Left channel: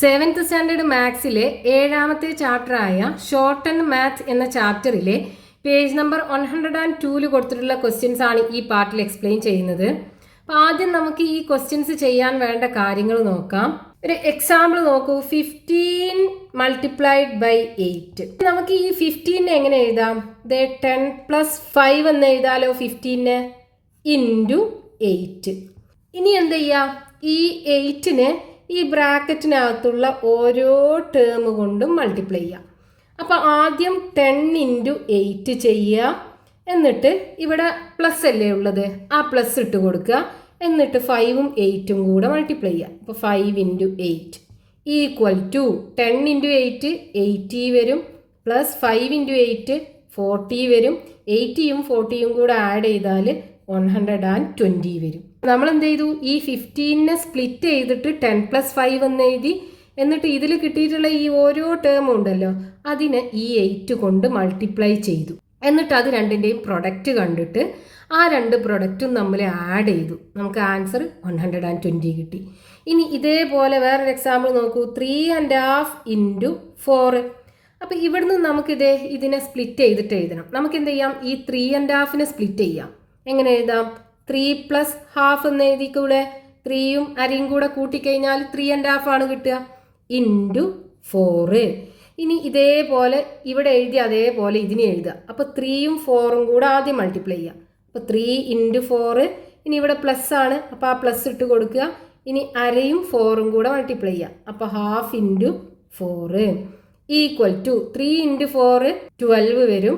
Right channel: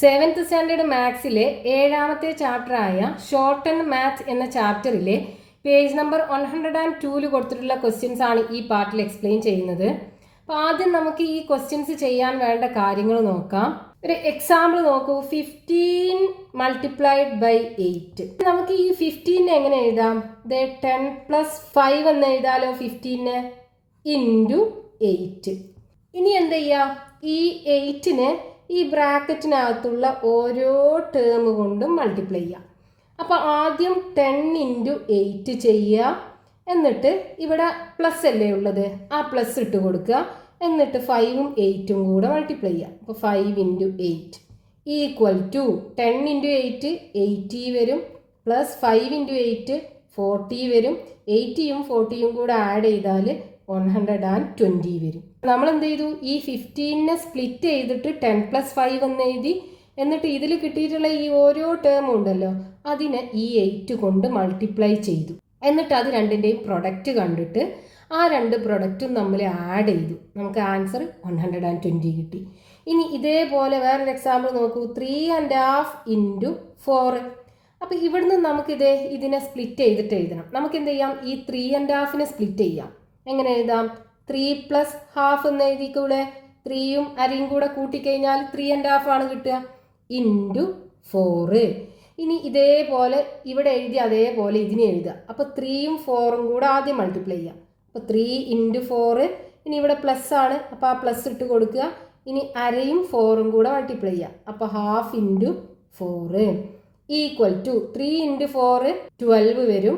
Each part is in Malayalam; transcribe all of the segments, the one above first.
സെവൻത് സ്റ്റാൻഡേർഡ് മാത്സിലെ 7ാമത്തെ ചാപ്റ്ററായ ഷോർട്ട് ആൻഡ് മാത്സ് എന്ന ചാപ്റ്ററിലെ പേജ് നമ്പർ 102 കൊടുത്തിട്ടുള്ള ക്വസ്റ്റ്യൻസ് ആണ് ഈ പാർട്ടിൽ എക്സ്പ്ലെയിൻ ചെയ്യുന്നത്. അപ്പോൾ ആദ്യം നമുക്ക് ഈ ക്വസ്റ്റ്യൻസ് ചെയ്യാൻ വേണ്ട കാര്യങ്ങൾ നോക്കാം. ഒരു എക്സാമ്പിൾ നോക്കൂ. 15 മൾട്ടിപ്ലൈഡ് ബൈ 8. നമുക്ക് ഈ 15 എങ്ങനെ എഴുതാം? 10 + 5 എന്ന് എഴുതാലോ. 15 ഇൻറ്റു 8. ഇനി എന്ത് ചെയ്യാം? ഈ 8നെ ഈ ബ്രാക്കറ്റിനകത്തുള്ള ഓരോ ടേം കൊണ്ടും മൾട്ടിപ്ലൈ ചെയ്യാം. അപ്പോൾ ആദ്യം 10 ഇൻറ്റു 8 ചെയ്യുക. എന്നിട്ട് ഇവിടെ പ്ലസ് അല്ലേ ഉള്ളത്, ആ പ്ലസ് ഇട്ട് കൊടുക്കുക. എന്നിട്ട് 5ഉം 8ഉം കൂടെ മൾട്ടിപ്ലൈ ചെയ്യുക. അപ്പോൾ 5 ഇൻറ്റു 8 ഈക്വൽ ടു 10 ഇൻറ്റു 8 80 വരും, പ്ലസ് 5 ഇൻറ്റു 8 40 വരും. 80യും 40യും കൂടെ ആഡ് ചെയ്താൽ 120 വരും. നമ്മൾ എന്ത് ചെയ്തു? ഈ 15നെ സ്പ്ലിറ്റ് ചെയ്തിട്ട് 10 + 5 എന്ന് എഴുതി. എന്നിട്ട് ഇതിൽ കിട്ടിയിട്ടുള്ള ഈ ഓരോ ടേമും ഉണ്ടല്ലോ, അതിനെ ഈ 8 കൊണ്ട് മൾട്ടിപ്ലൈ ചെയ്തു. എന്നിട്ട് അത് രണ്ടിൻ്റെയും പ്രൊഡക്റ്റ് കണ്ടിട്ട് ആ രണ്ട് പ്രൊഡക്റ്റും നമ്മൾ ആഡ് ചെയ്തു. നമുക്ക് ആൻസർ 120 കിട്ടി. ഇനി ഇതേപോലെ വേറൊരു എക്സാമ്പിൾ നോക്കൂ. 3½ ഇൻറ്റു 4. അപ്പോൾ ഇവിടുന്ന് ഇതിനെ സ്പ്ലിറ്റ് ചെയ്തിട്ട് എഴുതണം. നമുക്ക് എന്ത് ചെയ്യാം? ഈ 3½ സ്പ്ലിറ്റ് ചെയ്യാം. എങ്ങനെ എഴുതാം? 3 + ½ എന്ന് എഴുതിക്കൂടെ? 3യും അരയും കൂടെ കൂട്ടിക്കഴിഞ്ഞാൽ 3½ ആണ് കിട്ടുക, ഇൻറ്റു 4. ഇനി ഇതേപോലെ ഇവിടെ എഴുതി അതേപോലെ ഇതിനെ എഴുതുക. അപ്പോൾ 3യും 4ഉം കൂടെ ആദ്യം മൾട്ടിപ്ലൈ ചെയ്യുക. അപ്പോൾ 3 ഇൻറ്റു 4. ഇനി ഇവിടെ പ്ലസ് ആണ്, അപ്പോൾ ആ പ്ലസ് ഇട്ട് കൊടുക്കുക. ഇനി അരയും 4ഉം കൂടെ മൾട്ടിപ്ലൈ ചെയ്യുക. അപ്പോൾ ½ ഇൻറ്റു 4 ഈക്വൽ ടു 3 ഇൻറ്റു 4 12 വരും,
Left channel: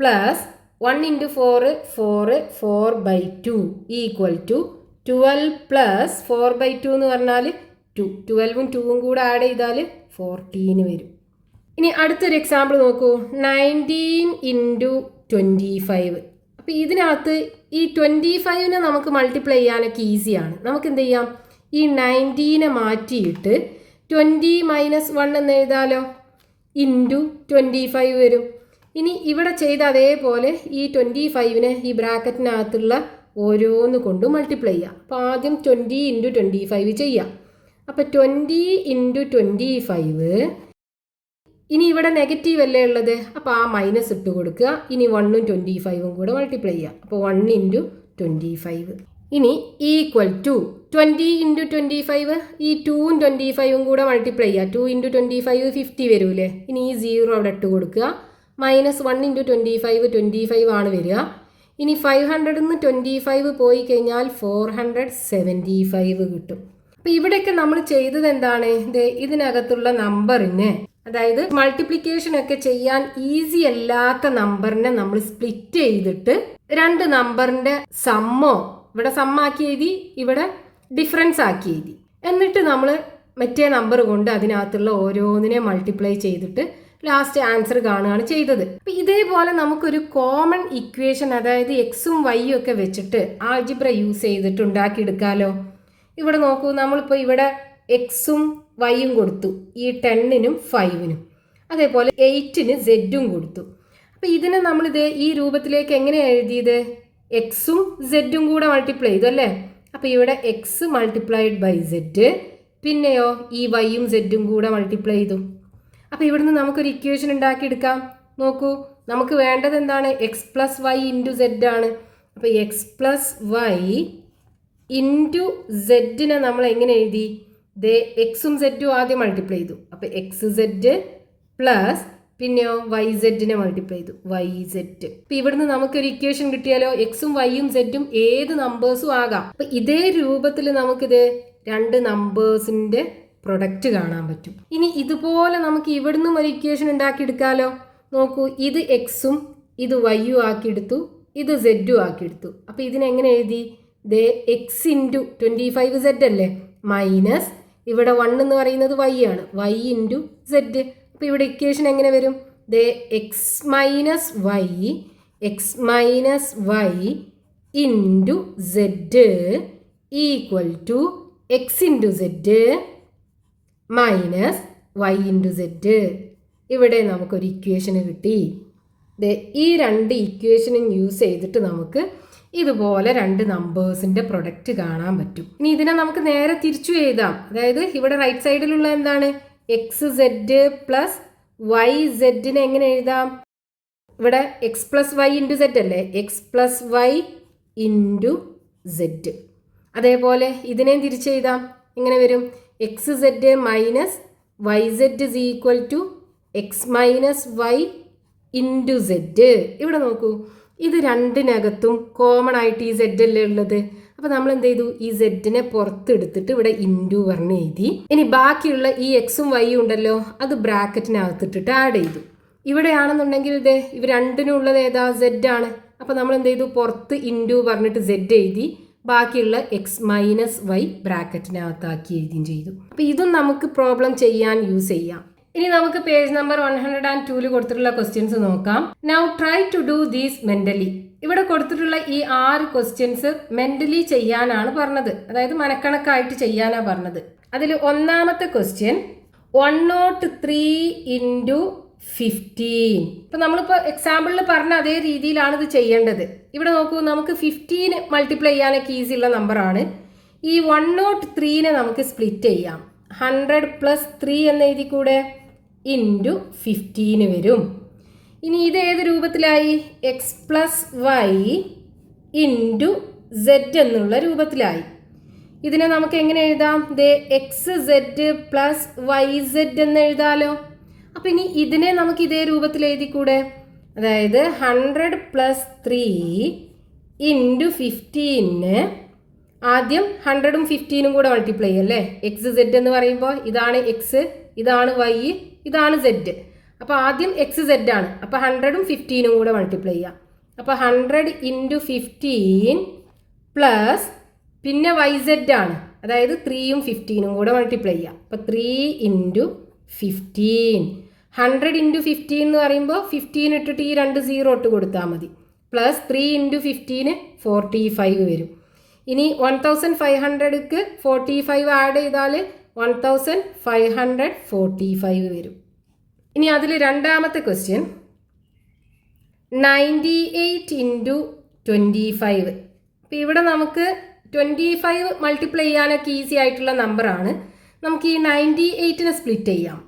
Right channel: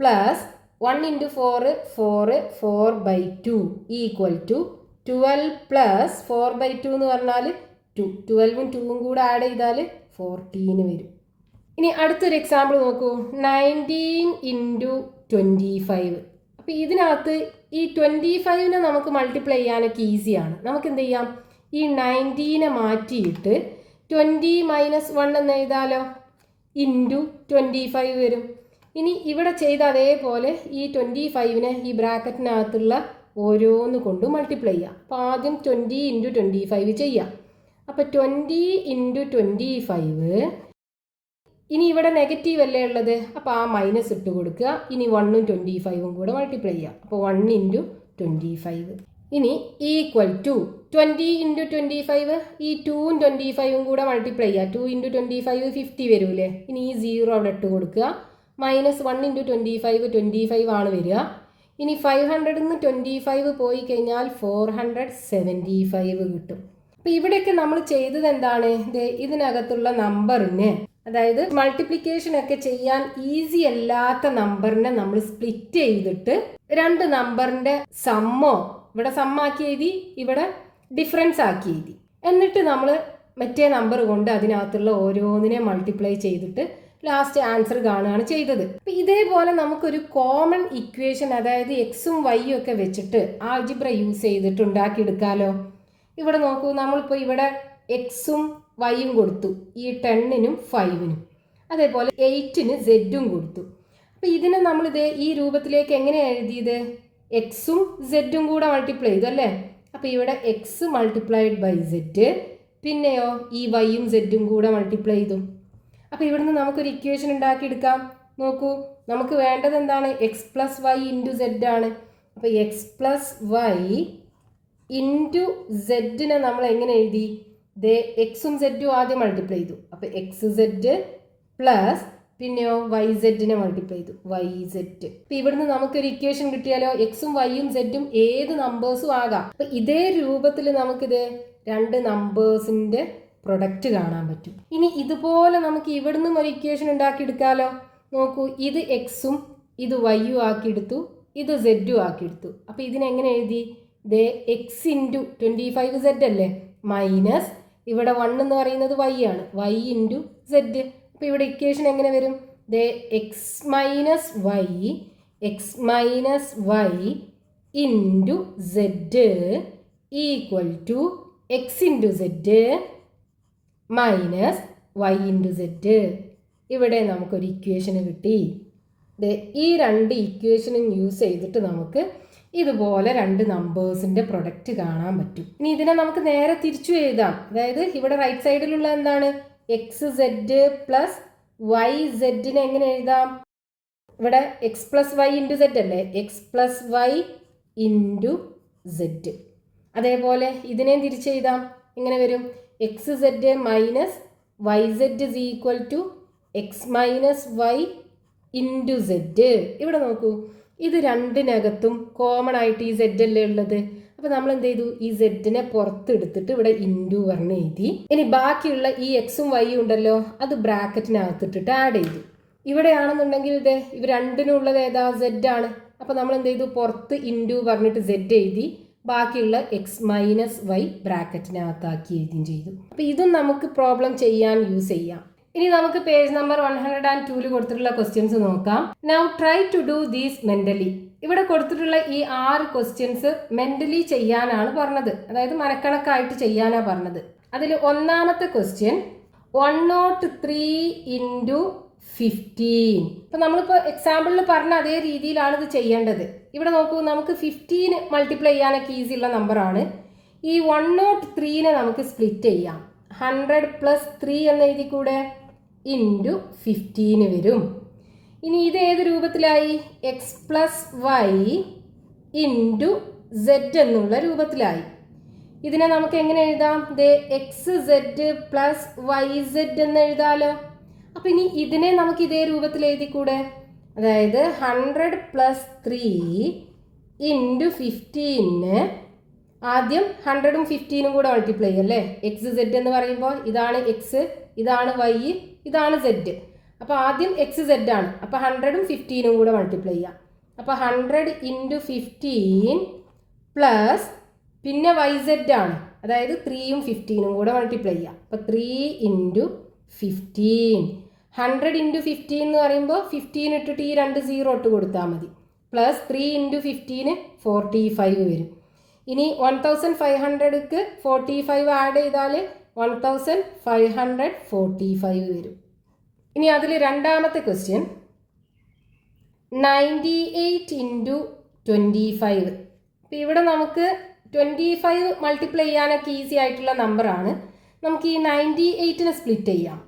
plus 1 into 4 4/2 equal to 12 plus 4/2 എന്ന് പറഞ്ഞാൽ 2. 12ഉം 2ഉം കൂടെ ആഡ് ചെയ്താൽ 14 വരും. ഇനി അടുത്തൊരു എക്സാമ്പിൾ നോക്കൂ. 19 ഇൻറ്റു 25. അപ്പോൾ ഇതിനകത്ത് ഈ 25നെ നമുക്ക് മൾട്ടിപ്ലൈ ചെയ്യാനൊക്കെ ഈസിയാണ്. നമുക്ക് എന്ത് ചെയ്യാം? ഈ 19നെ മാറ്റിയിട്ട് 20 - 1 എന്ന് എഴുതാലോ, ഇൻറ്റു 25 വരും. ഇനി ഇവിടെ ചെയ്ത അതേപോലെ ഈ 25നെ ഈ ബ്രാക്കറ്റിനകത്തുള്ള ഓരോന്ന് കൊണ്ട് മൾട്ടിപ്ലൈ ചെയ്യാം. അപ്പോൾ ആദ്യം 20 ഇൻറ്റു 25 ചെയ്യാം. അപ്പോൾ 20 ഇൻറ്റു 25. ഇനി ഇവിടെ നെഗറ്റീവ് അല്ലേ ഉള്ളത്, അപ്പോൾ ആ മൈനസ് ഇട്ട് കൊടുക്കുക. ഇനി 1ഉം 25ഉം കൂടെ മൾട്ടിപ്ലൈ ചെയ്യാം. അപ്പോൾ 1 ഇൻറ്റു 25. ഇനി ഈക്വൽ ടു 20 ഇൻറ്റു 25. ഈ 2ഉം 25ഉം കൂടെ മൾട്ടിപ്ലൈ ചെയ്യുക. 2 ഇൻറ്റു 25 50 വരൂലേ. ഇനി ഈ 0 അവിടെ ഇട്ട് കൊടുക്കുക. -1 ഇൻറ്റു 25 25 ആണ് വരിക. ഇനി 500 നിന്ന് 25 പോയി കഴിഞ്ഞാൽ 475 കിട്ടും. അപ്പോൾ ഇവിടെയൊക്കെ നമ്മൾ ചെയ്തത് എന്താണ്? ഇതിനകത്തുള്ള നമ്പറിന്, അതായത് മൾട്ടിപ്ലിക്കേഷൻ ഒക്കെ ചെയ്യാൻ ഈസി അല്ലാത്ത നമ്പറിനെ നമ്മൾ സ്പ്ലിറ്റ് ചെയ്തിട്ട് രണ്ട് നമ്പറിൻ്റെ സമ്മോ, ഇവിടെ സമ്മാക്കി എഴുതി, ഇവിടെ ഡിഫറൻസ് ആക്കി എഴുതി. എന്നിട്ട് നമ്മൾ മറ്റേ നമ്പർ കൊണ്ട് അതിനകത്തുള്ള ഓരോന്നിനെ മൾട്ടിപ്ലൈ ചെയ്തിട്ട് ലാസ്റ്റ് ആൻസർ കാണുകയാണ് ചെയ്തത്. അപ്പം ഇതേപോലെ നമുക്കൊരു കോമൺ ഇക്വേഷൻ, അതായത് എക്സും വൈയും ഒക്കെ വെച്ചിട്ട് ആൾജിബ്ര യൂസ് ചെയ്തിട്ട് ഉണ്ടാക്കിയെടുക്കാമല്ലോ. ഇവിടെ നോക്കൂ, നമ്മളിപ്പോൾ ഇവിടെ എക്സും വൈയും കൊടുത്തു, ഈ 10നും 5നും. അതേപോലെ 8ന് സെഡും കൊടുത്തു. അപ്പോൾ ഇതിനെ ഈ രൂപത്തിലേക്ക് എങ്ങനെയാണ് എഴുതിയത്? എക്സും സെഡും കൂടെ മൾട്ടിപ്ലൈ ചെയ്തു അല്ലേ. അപ്പോൾ ഇവിടെ എക്സ് മൾട്ടിപ്ലൈഡ് ബൈ സെഡ്, പിന്നെയോ ഈ വൈയും സെഡും കൂടെ മൾട്ടിപ്ലൈ ചെയ്തു. അപ്പോൾ ഇവിടുന്ന് നമുക്കൊരു ഇക്വേഷൻ ഉണ്ടാക്കിയെടുക്കാം. നോക്കൂ, നമുക്ക് വേണ്ടത് എന്താണ്? X plus Y into Z ആണ്. അപ്പോൾ എക്സ് പ്ലസ് വൈ ഇൻറ്റു സെഡിനെ നമ്മൾ എങ്ങനെ എഴുതി? എക്സും സെഡും ആദ്യം മൾട്ടിപ്ലൈ ചെയ്തു. അപ്പോൾ എക്സ് സെഡ് പ്ലസ് പിന്നെയോ വൈ സെഡിനെ മൾട്ടിപ്ലൈ ചെയ്തു, വൈ സെഡ്. അപ്പോൾ ഇവിടുന്ന് നമുക്കൊരു ഇക്വേഷൻ കിട്ടിയാലോ. എക്സും വൈയും സെഡും ഏത് നമ്പേഴ്സും ആകാം. അപ്പോൾ ഇതേ രൂപത്തിൽ നമുക്കിത് രണ്ട് നമ്പേഴ്സിൻ്റെ പ്രൊഡക്റ്റ് കാണാൻ പറ്റും. ഇനി ഇതുപോലെ നമുക്ക് ഇവിടുന്നും ഒരു ഇക്വേഷൻ ഉണ്ടാക്കിയെടുക്കാമല്ലോ. നോക്കൂ, ഇത് എക്സും ഇത് വൈയും ആക്കിയെടുത്തു, ഇത് സെഡും ആക്കിയെടുത്തു. അപ്പോൾ ഇതിനെങ്ങനെ എഴുതി? എക്സ് ഇൻറ്റു 25 സെഡ് അല്ലേ, മൈനസ് ഇവിടെ 1 എന്ന് പറയുന്നത് വൈ ആണ്, വൈ ഇൻറ്റു സെഡ്. അപ്പോൾ ഇവിടെ ഇക്വേഷൻ എങ്ങനെ വരും? X minus Y into Z equal to X into Z minus Y into Z. ഇവിടെ നമുക്കൊരു ഇക്വേഷൻ കിട്ടി. ഈ രണ്ട് ഇക്വേഷനും യൂസ് ചെയ്തിട്ട് നമുക്ക് ഇതുപോലെ രണ്ട് നമ്പേഴ്സിൻ്റെ പ്രൊഡക്റ്റ് കാണാൻ പറ്റും. ഇനി ഇതിനെ നമുക്ക് നേരെ തിരിച്ചു എഴുതാം. അതായത് ഇവിടെ റൈറ്റ് സൈഡിലുള്ള എന്താണ് എക്സ് സെഡ് പ്ലസ് വൈ സെഡിനെ എങ്ങനെ എഴുതാം? ഇവിടെ X plus Y into Z അല്ലേ, X plus Y into Z. അതേപോലെ ഇതിനെയും തിരിച്ചെഴുതാം. ഇങ്ങനെ വരും X Z minus Y Z is equal to X minus Y into Z. ഇവിടെ നോക്കൂ, ഇത് രണ്ടിനകത്തും കോമൺ ആയിട്ട് ഈ സെഡ് അല്ലേ ഉള്ളത്. അപ്പോൾ നമ്മൾ എന്ത് ചെയ്തു, ഈ സെഡിനെ പുറത്തെടുത്തിട്ട് ഇവിടെ ഇൻറ്റു പറഞ്ഞ് എഴുതി. ഇനി ബാക്കിയുള്ള ഈ എക്സും വൈയും ഉണ്ടല്ലോ, അത് ബ്രാക്കറ്റിനകത്തിട്ടിട്ട് ആഡ് ചെയ്തു. ഇവിടെയാണെന്നുണ്ടെങ്കിൽ ഇതേ ഇവ രണ്ടിനും ഉള്ളത് ഏതാ, സെഡ് ആണ്. അപ്പോൾ നമ്മൾ എന്ത് ചെയ്തു, പുറത്ത് ഇൻറ്റു പറഞ്ഞിട്ട് സെഡ് എഴുതി, ബാക്കിയുള്ള എക്സ് മൈനസ് വൈ ബ്രാക്കറ്റിനകത്താക്കി എഴുതുകയും ചെയ്തു. അപ്പോൾ ഇതും നമുക്ക് പ്രോബ്ലം ചെയ്യാൻ യൂസ് ചെയ്യാം. ഇനി നമുക്ക് പേജ് നമ്പർ 102 കൊടുത്തിട്ടുള്ള ക്വസ്റ്റ്യൻസ് നോക്കാം. Now try to do these mentally. ഇവിടെ കൊടുത്തിട്ടുള്ള ഈ 6 ക്വസ്റ്റ്യൻസ് മെന്റലി ചെയ്യാനാണ് പറഞ്ഞത്, അതായത് മനക്കണക്കായിട്ട് ചെയ്യാനാണ് പറഞ്ഞത്. അതിൽ ഒന്നാമത്തെ ക്വസ്റ്റ്യൻ 103 ഇൻറ്റു 15. ഇപ്പം നമ്മളിപ്പോൾ എക്സാമ്പിളിൽ പറഞ്ഞ അതേ രീതിയിലാണ് ഇത് ചെയ്യേണ്ടത്. ഇവിടെ നോക്കൂ, നമുക്ക് 15 മൾട്ടിപ്ലൈ ചെയ്യാനൊക്കെ ഈസി ഉള്ള നമ്പറാണ്. ഈ 103നെ നമുക്ക് സ്പ്ലിറ്റ് ചെയ്യാം. 100 പ്ലസ് 3 എന്ന് എഴുതി കൂടെ ഇൻറ്റു 15 വരും. ഇനി ഇത് ഏത് രൂപത്തിലായി, X plus Y into Z എന്നുള്ള രൂപത്തിലായി. ഇതിനെ നമുക്ക് എങ്ങനെ എഴുതാം, ദേ X Z plus Y Z എന്ന് എഴുതാലോ. അപ്പം ഇനി ഇതിനെ നമുക്ക് ഇതേ രൂപത്തിൽ എഴുതിക്കൂടെ, അതായത് 100 പ്ലസ് 3 ഇൻറ്റു 15 ആദ്യം 100ഉം 15ഉം കൂടെ മൾട്ടിപ്ലൈ അല്ലേ. എക്സ് സെഡ് എന്ന് പറയുമ്പോൾ ഇതാണ് എക്സ്, ഇതാണ് വൈ, ഇതാണ് സെഡ്. അപ്പോൾ ആദ്യം എക്സ് സെഡ് ആണ്, അപ്പോൾ 100ഉം 15ഉം കൂടെ മൾട്ടിപ്ലൈ ചെയ്യാം. അപ്പോൾ 100 ഇൻറ്റു 15 പ്ലസ് പിന്നെ വൈ സെഡ് ആണ്, അതായത് 3ഉം 15ഉം കൂടെ മൾട്ടിപ്ലൈ ചെയ്യാം. അപ്പോൾ 3 ഇൻറ്റു 15. 100 ഇൻറ്റു 15 എന്ന് പറയുമ്പോൾ 15 ഇട്ടിട്ട് ഈ 2 0 ഇട്ട് കൊടുത്താൽ മതി. പ്ലസ് 3 ഇൻറ്റു 15 45 വരും. ഇനി 1500ക്ക് 45 ആഡ് ചെയ്താൽ 1545 വരും. ഇനി അതിൽ രണ്ടാമത്തെ ക്വസ്റ്റ്യൻ 98 ഇൻറ്റു 25. അപ്പോൾ ഇവിടെ നമുക്ക് 25 മൾട്ടിപ്ലൈ ചെയ്യാനൊക്കെ ഈസി ആയിട്ടുള്ള നമ്പറാണ്. നമുക്ക് ഈ 98നെ സ്പ്ലിറ്റ് ചെയ്യാം.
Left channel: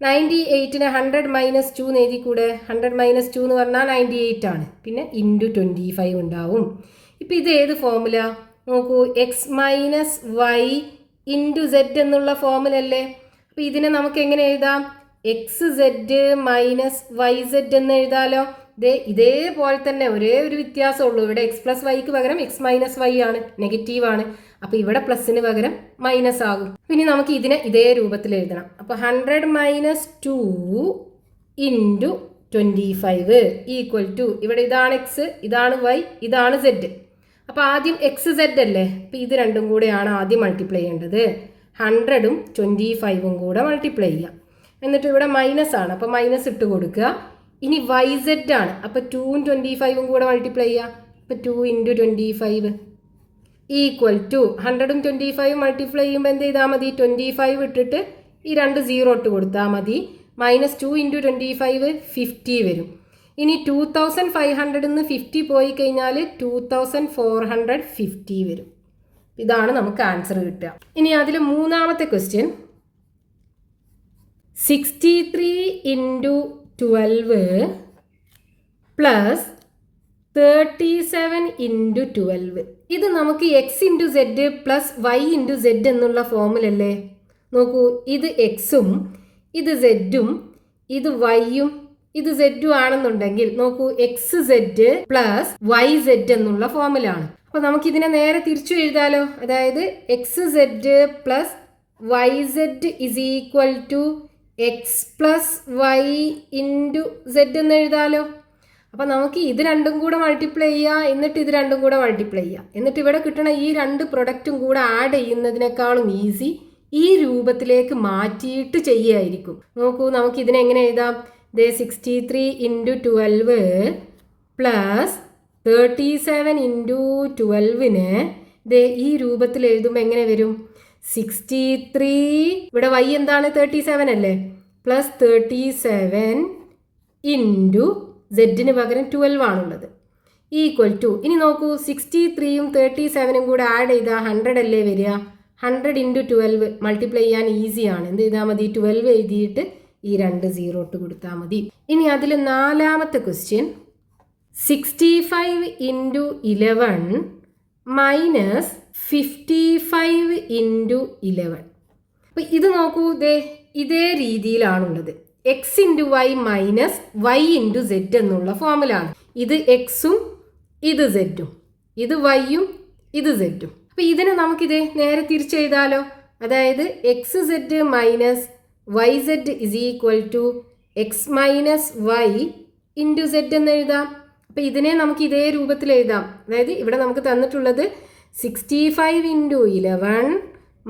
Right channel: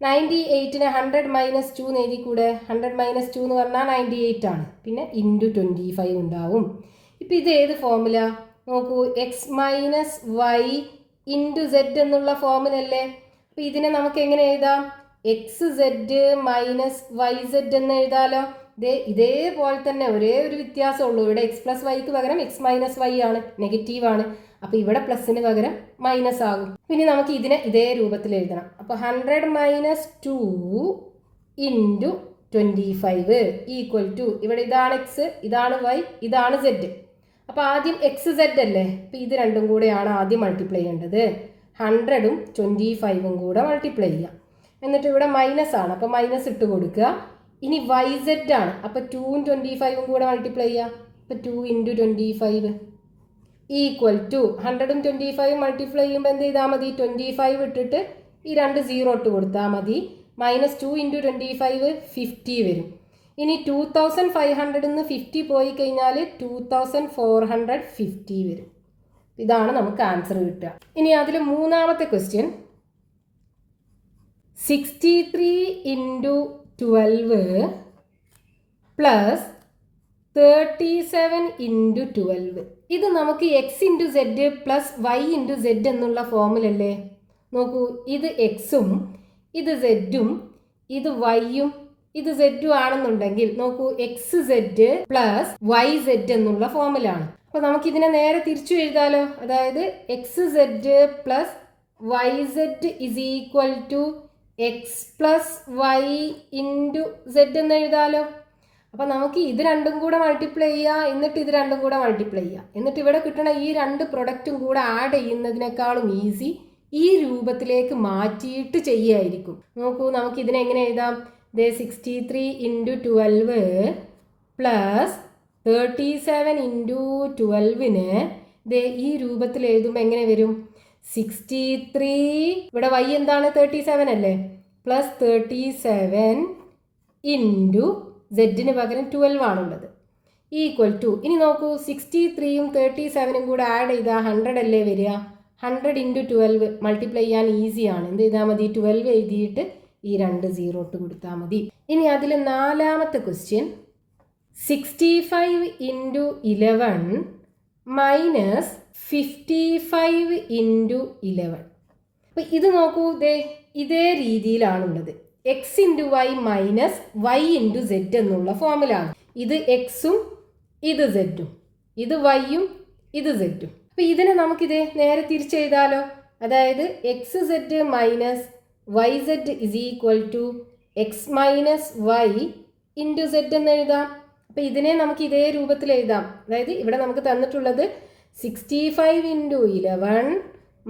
98നെ 100 മൈനസ് 2 എന്ന് എഴുതി കൂടെ. 100 മൈനസ് 2 എന്ന് പറഞ്ഞാൽ 98 ആണ്, പിന്നെ ഇൻറ്റു 25 ഉണ്ടാവും. ഇപ്പോൾ ഇത് ഏത് ഫോമുല നോക്കൂ, X minus Y into Z എന്നുള്ള ഫോമിലല്ലേ. അപ്പോൾ ഇതിനെ നമുക്ക് എങ്ങനെ എഴുതാം, X Z minus Y Z എന്ന് എഴുതാലോ. ഇതേപോലെ തന്നെ ഒരേ ഒരു വ്യത്യാസമുള്ളൂ, ഇവിടെ എക്സ് പ്ലസ് വൈക്ക് പകരം എക്സ് മൈനസ് വൈ ആണ്, നെഗറ്റീവ് ആണ്. അപ്പോൾ ഇവിടെ പ്ലസിന് പകരം മൈനസ് ആകും. പിന്നെ നമുക്ക് ഇതിനെ ഇതേ രൂപത്തിൽ എഴുതണം. അപ്പോൾ 100 മൈനസ് 2 ഇൻറ്റു 25 ഈക്വൽ ടു, ഇവിടെ ഇതാണ് എക്സ്, ഇതാണ് വൈ, ഇതാണ് സെഡ്. അപ്പോൾ ആദ്യം എക്സ് സെഡ് അല്ലേ, അപ്പോൾ ഇത് രണ്ടും കൂടെയാണ് ആദ്യം മൾട്ടിപ്ലൈ ചെയ്യേണ്ടത്. 100ഉം 25ഉം കൂടെ മൾട്ടിപ്ലൈ ചെയ്യാം. എന്നിട്ട് ഇവിടെ മൈനസ് ആണ്, അപ്പോൾ മൈനസ് ഇട്ട് കൊടുക്കുക. ഇനി വൈ സെഡ് ആണ്, അപ്പോൾ 2ഉം 25ഉം കൂടെ മൾട്ടിപ്ലൈ ചെയ്യുക. അപ്പോൾ 2 ഇൻറ്റു 25 ഈക്വൽ ടു 100ഉം 25ഉം മൾട്ടിപ്ലൈ ചെയ്യുമ്പോൾ എന്ത് ചെയ്താൽ മതി, 25 ഇട്ടിട്ട് ഈ 2 0 ഇട്ട് കൊടുത്താൽ മതി. മൈനസ് 2 ഇൻറ്റു 25 50 വരും. ഇനി 2500 നിന്ന് 50 പോയി കഴിഞ്ഞാൽ 2450 വരും. ഇതാണ് നമുക്ക് ആൻസർ കിട്ടുക. ഇനി അതിൽ മൂന്നാമത്തെ ക്വസ്റ്റ്യൻ 63 ഇൻറ്റു 12 പ്ലസ് 37 ഇൻറ്റു 12. ഇത് നമുക്ക് X into Z plus Y into Z എന്നുള്ള ഫോമിലല്ലേ. നോക്കൂ, ഇത് എക്സും ഇത് സെഡും ഇത് വൈയും ഇത് സെഡും ആണെന്നുണ്ടെങ്കിൽ നോക്കൂ, X Z plus Y Z എന്നുള്ള ഫോമിലാണ്. അപ്പോൾ നമുക്ക് ഇതിനെ നേരെ തിരിച്ചു എഴുതാലോ. അതായത് X Z plus Y Z is equal to X plus Y into Z എന്ന് എഴുതാലോ. അപ്പോൾ നമുക്ക് ഇത് രണ്ടും കൂടെ മൾട്ടിപ്ലൈ ചെയ്യുക, എന്നിട്ട് ഇത് രണ്ടും കൂടെ മൾട്ടിപ്ലൈ ചെയ്യുക, എന്നിട്ട് ഇവിടെ കിട്ടുന്ന ഈ 2 പ്രൊഡക്റ്റും കൂടെ ആഡ് ചെയ്യുന്നതിനേക്കാളും ഈസി ഈ രൂപത്തിലേക്ക് മാറ്റിയിട്ട് ചെയ്യുമായിരിക്കും. നോക്കൂ, നമുക്ക് ഇതിനെ എങ്ങനെ എഴുതാം, 63 ഇൻറ്റു 12 പ്ലസ് 37 ഇൻറ്റു 12നെ ഈ രൂപത്തിൽ എഴുതുമ്പോൾ എങ്ങനെ വരും, 63 ഇവിടെ വൈ എന്താണ് 37 അല്ലേ, പ്ലസ് 37 ഇൻറ്റു സെഡിന് പകരം 12 ആണുള്ളത്. ഈക്വൽ ടു, ഇനി നോക്കൂ 63യും 37ഉം കൂടെ ആഡ് ചെയ്താൽ 100 അല്ലേ വരിക. 100 × 12 മൾട്ടിപ്ലൈ ചെയ്യാൻ ഈസിയാണ്. എന്ത് ചെയ്താൽ മതി, 12 എഴുതിയിട്ട് ഈ 2 0 ഇട്ട് കൊടുത്താൽ മതി. ഇനി അതിൽ 4ാമത്തെ ക്വസ്റ്റ്യൻ 65 × 11 മൈനസ് 55 × 11. അപ്പം ഇത് നോക്കൂ, ഇതേ രീതിയിലാണുള്ളത്. X into Y minus Y into Z എന്നുള്ള ഫോമിലാണ്. ഇത് എക്സും ഇത് സെഡും, ഇത് വൈയും ഇത് സെഡും. അപ്പം ഇതിനെ നമുക്കിത് നേരെ തിരിച്ചെഴുതാലോ. അതായത് X Z minus Y Z is equal to X minus Y into Z എന്ന് എഴുതാം. അപ്പം ഇതിനെ നമുക്ക് ഇതേ രൂപത്തിൽ എഴുതാം. അതായത് ഇവിടെ നമുക്ക് തന്നിട്ടുള്ളത് 65 × 11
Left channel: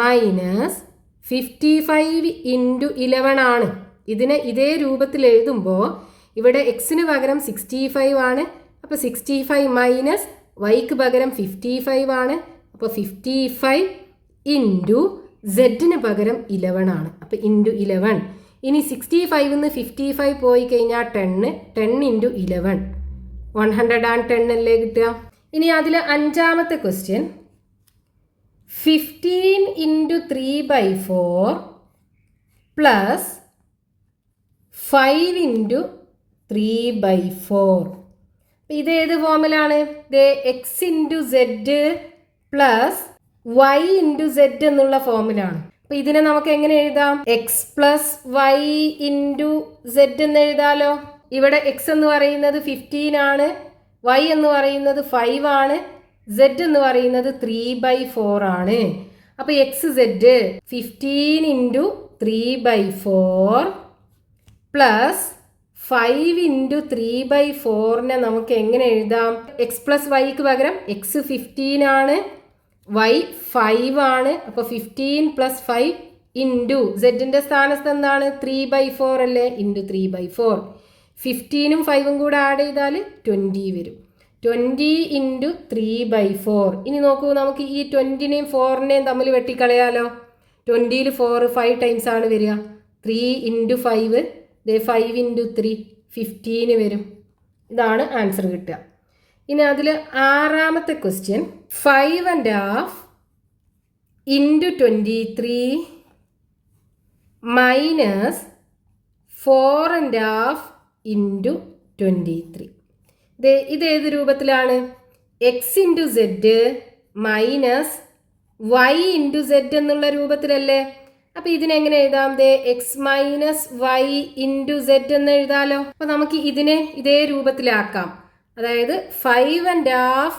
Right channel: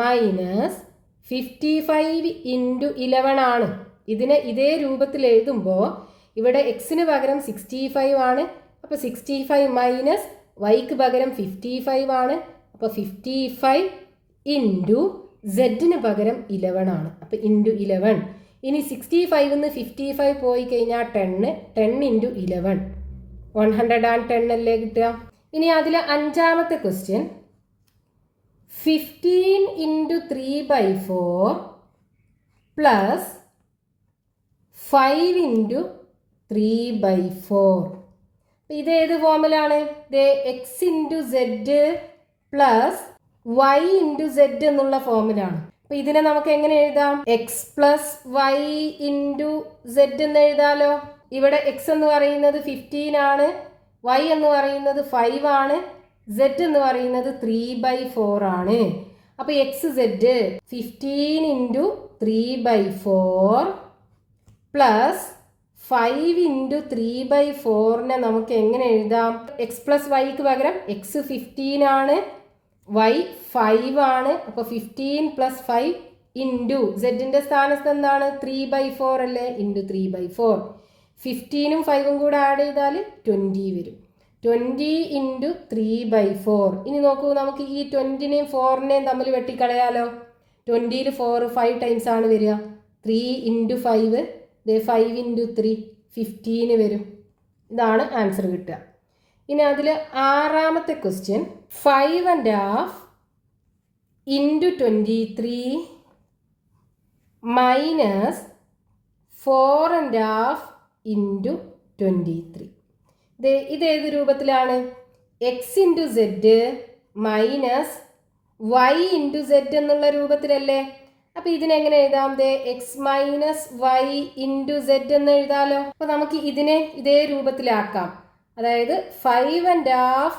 മൈനസ് 55 × 11 ആണ്. ഇതിനെ ഇതേ രൂപത്തിൽ എഴുതുമ്പോൾ ഇവിടെ എക്സിന് പകരം 65 ആണ്. അപ്പോൾ 65 മൈനസ് വൈക്ക് പകരം 55 ആണ്. അപ്പോൾ 55 ഇൻറ്റു സെഡിന് പകരം 11 ആണ്. അപ്പോൾ ഇൻറ്റു 11. ഇനി 65 നിന്ന് 55 പോയി കഴിഞ്ഞാൽ 10 × 11 110 അല്ലേ കിട്ടുക. ഇനി അതിൽ 5ാമത്തെ ക്വസ്റ്റ്യൻ 15 × 3/4 പ്ലസ് 5 × 3/4. ഇതേത് ഫോമിലാണ്? X into Z plus Y into Z എന്നുള്ള ഫോമിലാണ്. അപ്പം ഇതിനെ നമുക്ക് എങ്ങനെ എഴുതാം? X plus Y into Z എന്ന് എഴുതാലോ. ഇവിടെ എക്സ് എന്ന് പറയുന്നത് 15 ആണ്, വൈ എന്ന് പറയുന്നത് 5 ആണ്, സെഡ് എന്ന് പറയുന്നത് 3/4 ആണ്. അപ്പോൾ എക്സ് സെഡ് 15 × 3/4 പ്ലസ് 5 × 3/4നെ നമുക്ക് എങ്ങനെ എഴുതാം? എക്സ് പ്ലസ് വൈക്ക് പകരം എക്സ് 15 ആണ്, വൈ 5 ആണ്. അപ്പോൾ 15 + 5 ഇൻറ്റു സെഡിൻ്റെ സ്ഥാനത്ത് എന്താണ്? 3/4 അല്ലേ, ഇൻറ്റു 3/4. 15ഉം 5ഉം കൂടെ ആഡ് ചെയ്താൽ 20 വരും. 20 × 3/4. ഇനി നോക്കൂ, നമുക്ക് ഈ 20നെയും 4നെയും തമ്മിൽ വെട്ടിക്കളയാലോ. 20ൽ 4 5 ടൈംസ് ആണ് വരിക. 3 × 5 5 × 3 15 വരും. ഇതാണ് ആൻസർ കിട്ടുക. ഇനി അതിൽ 6ാമത്തെ ക്വസ്റ്റ്യൻ 5½ × 23 മൈനസ് 4½ × 23. ഇതേത് രൂപത്തിലാണ്? X into Z minus Y into Z എന്നുള്ള രൂപത്തിലല്ലേ. അപ്പം ഇതിനെങ്ങനെ എഴുതാം? X minus Y into Z എന്ന് എഴുതാലോ. അപ്പം നമുക്ക് ഇതിനെ ഇതേ രൂപത്തിലാക്കാം. അതായത് 5½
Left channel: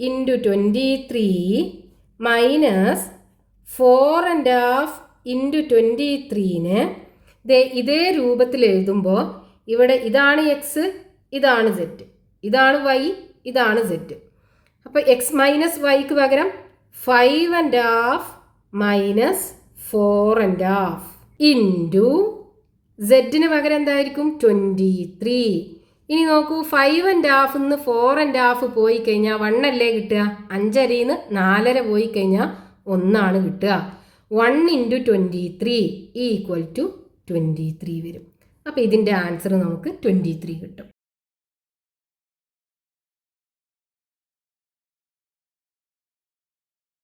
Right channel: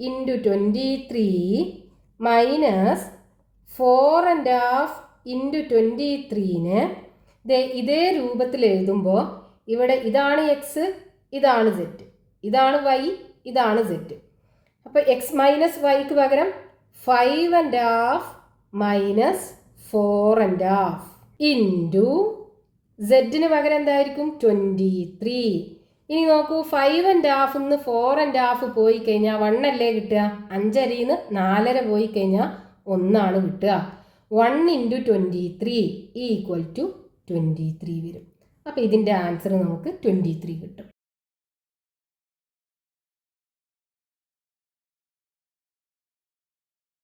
× 23 മൈനസ് 4½ × 23ന് ഇതേ രൂപത്തിൽ എഴുതുമ്പോൾ ഇവിടെ ഇതാണ് എക്സ്, ഇതാണ് സെഡ്, ഇതാണ് വൈ, ഇതാണ് സെഡ്. അപ്പോൾ എക്സ് മൈനസ് വൈക്ക് പകരം 5½ മൈനസ് 4½ ഇൻറ്റു സെഡിന് പകരം എന്തായിരിക്കും? 23. ഇനി നോക്കൂ, 5½ നിന്ന് 4½ പോയി കഴിഞ്ഞാൽ 1 അല്ലേ കിട്ടുക. 5 നിന്ന് 4 പോയി കഴിഞ്ഞാൽ 1 ആണ് കിട്ടുക. 1 × 23 = 23 വരും. അപ്പോൾ ഇതിൻ്റെ ആൻസർ നമുക്ക് 23 കിട്ടും.